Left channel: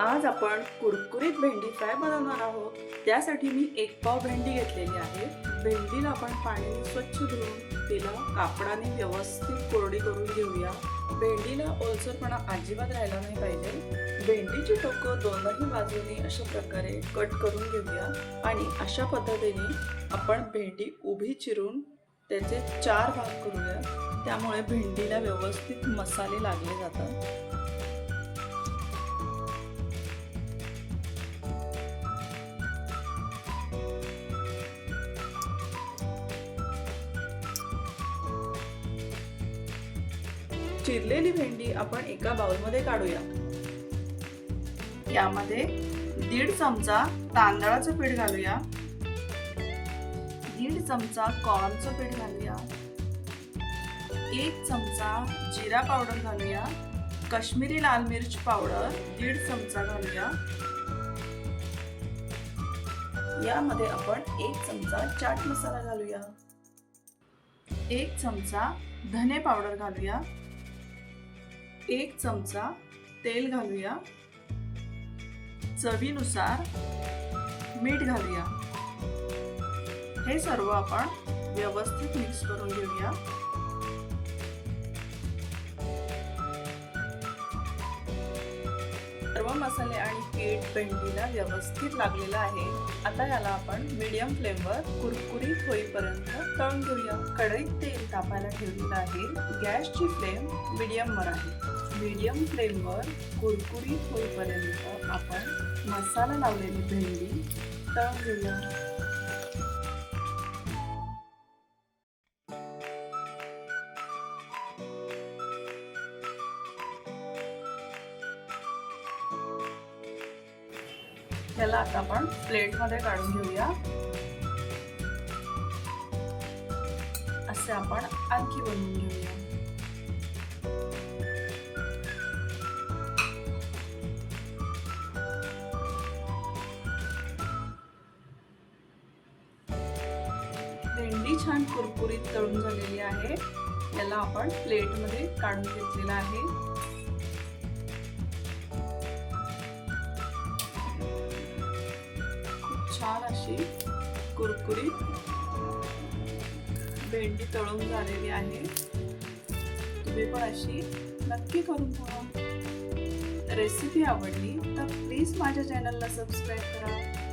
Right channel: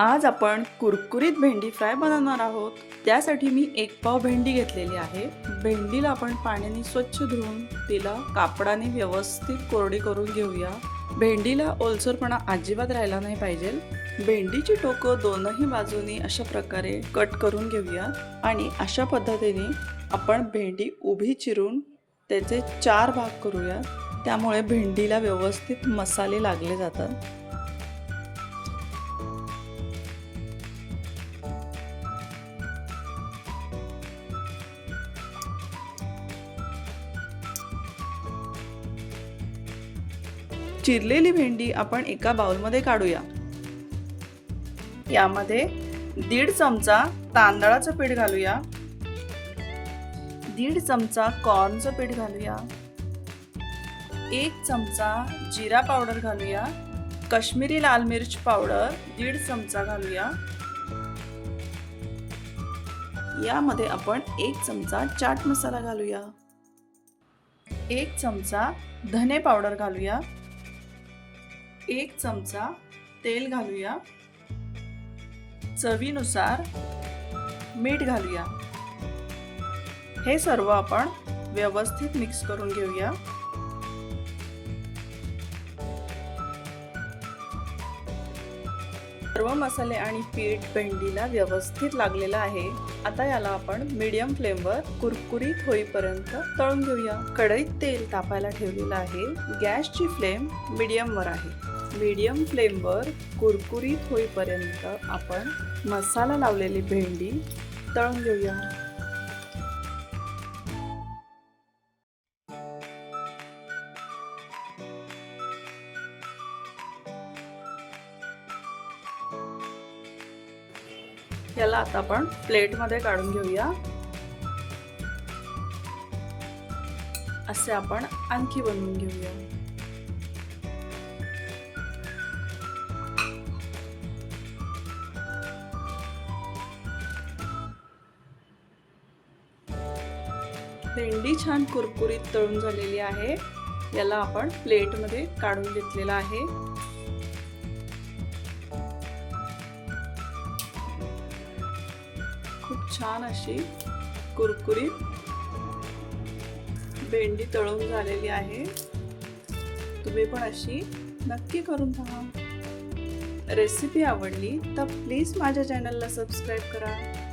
आज आपण कुरकुरीत भेंडी फ्राय बनवणार आहोत. त्यासाठी मी एक पाव भेंडी घेतलेली आहे. भेंडीला आपण पाण्याने स्वच्छ धुवून तिला कापडाने व्यवस्थित कोरडी करून घेऊया. भेंडीला ओलसरपणा अजिबात राहिला नाही पाहिजे. भेंडीची टोकं दोनही बाजूनी अशा प्रकारे कट करून घेऊया. आणि अशा पद्धतीने आपण भेंडी उभी चिरून त्याचे चार भाग करूया. त्यामुळे भेंडीला व्यवस्थित मसाले लागले जातात. चिरलेली भेंडी आपण एका बाउलमध्ये काढूया. यामध्ये दीड चमचा तांदळाचं पीठ घालूया. दीड चमचा कॉर्नचं पीठ घालूया. एक चमचा जिरा पावडर घालूया. काश्मीरी लाल मिरच पावडर दीड चमचा घालूया. यामध्ये आपण एक चमचा चाट मसाला घालूया. एक चमचा धने पावडर घालूया. एक चमचा तेल घालूया. चवीनुसार मीठ घालूया. हे सर्व आपण व्यवस्थित मिक्स करून घेऊया. सर्व मसाले आणि पीठ भेंडीला व्यवस्थित लागलेलं आहे. आता याला आपण मीडियम फ्लेमवर कुरकुरीत होईपर्यंत तळून घेऊया. कढईत तेल तापायला ठेवलेलं आहे. गॅसची फ्लेम मीडियमवर आहे. मीडियम फ्लेमवर कुरकुरीत होईपर्यंत आपण मसाला लावलेली भेंडी तळून घेऊया. याला आता आपण प्लेटमध्ये काढून घेऊया. असे आपण आणखी बनवून घेऊया. भेंडी छान कुरकुरीत तळून झालेली आहे. याला आपण प्लेटमध्ये काढून घेतलेला आहे. छान अशी कुरकुरीत भेंडी तळून झालेली आहे. तुम्ही पण अशी नक्की करून पहा. रेसिपी आवडली तर प्लीज माझ्या चॅनलला सबस्क्राईब करा.